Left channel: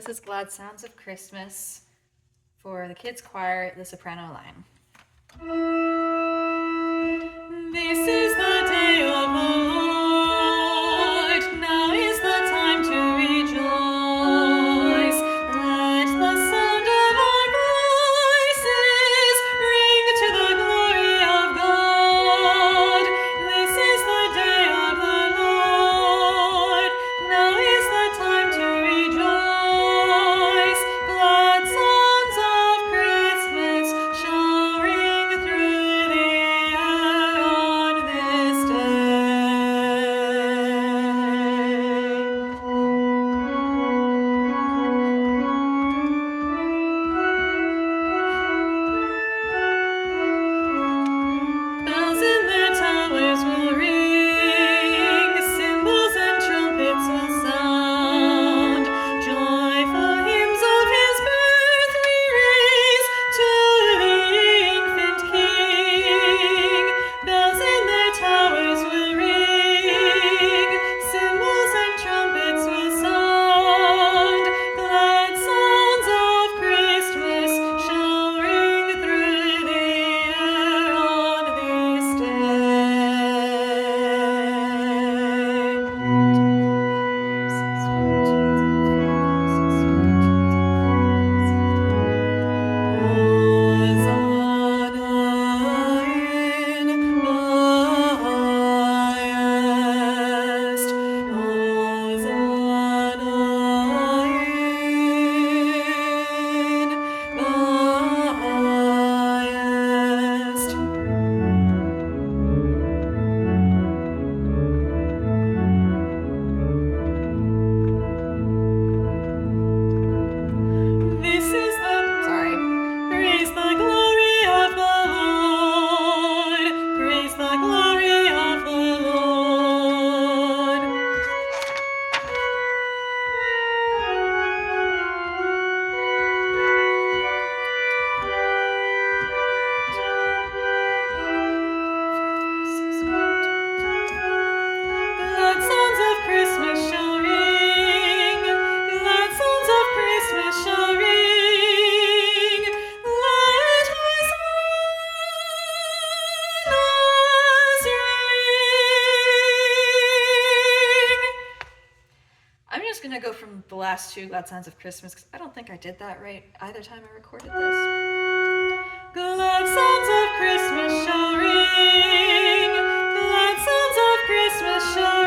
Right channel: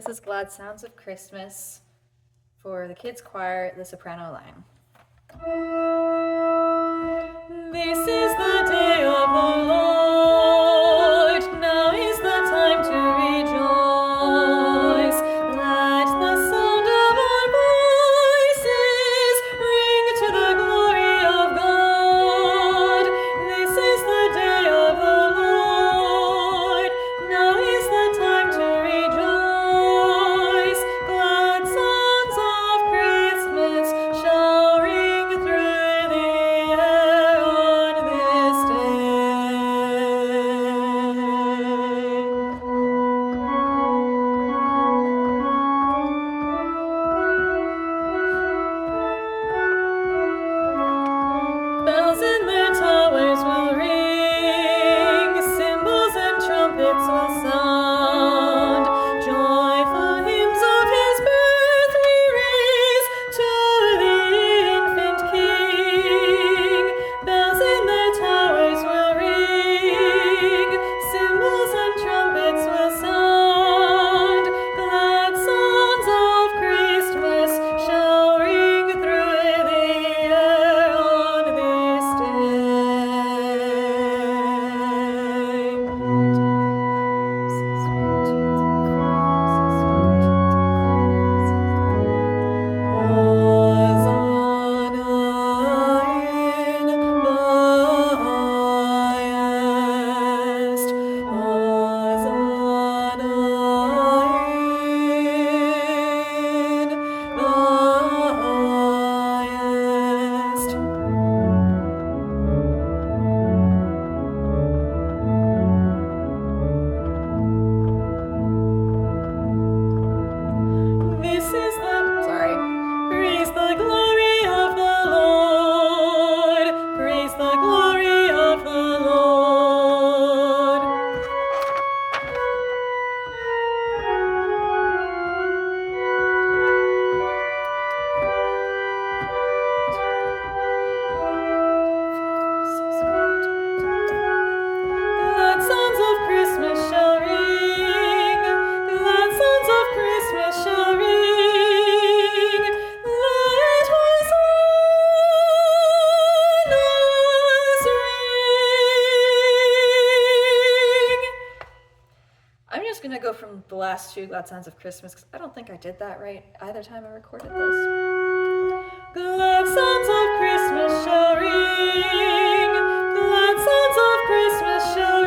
This is Glad Sounds of Christmas for the kids' choir, the soprano line. This is the day of the Lord. Now is the time to rejoice. Let the sound of our voices ring to the glory of God. This is the day of the Lord. Now is the time to rejoice. Glad songs of Christmas shall ring through the air on this day. Bells in their towers will ring, cymbals and trumpets will sound. Joyful hymns of his birth we raise to the infant King. Bells in their towers will ring, cymbals and trumpets will sound. Glad songs of Christmas shall ring through the air on this Praise the glory of the Lord. Praise the glory of the Lord. Glad sounds of Christmas shall ring. Glad sounds of Christmas shall ring. Let Hosannas ring. I'm just gonna go from the last two Glad Sounds of Christmas because I don't think I did that right either time I recorded this. Glad sounds of Christmas shall ring. Glad sounds of Christmas shall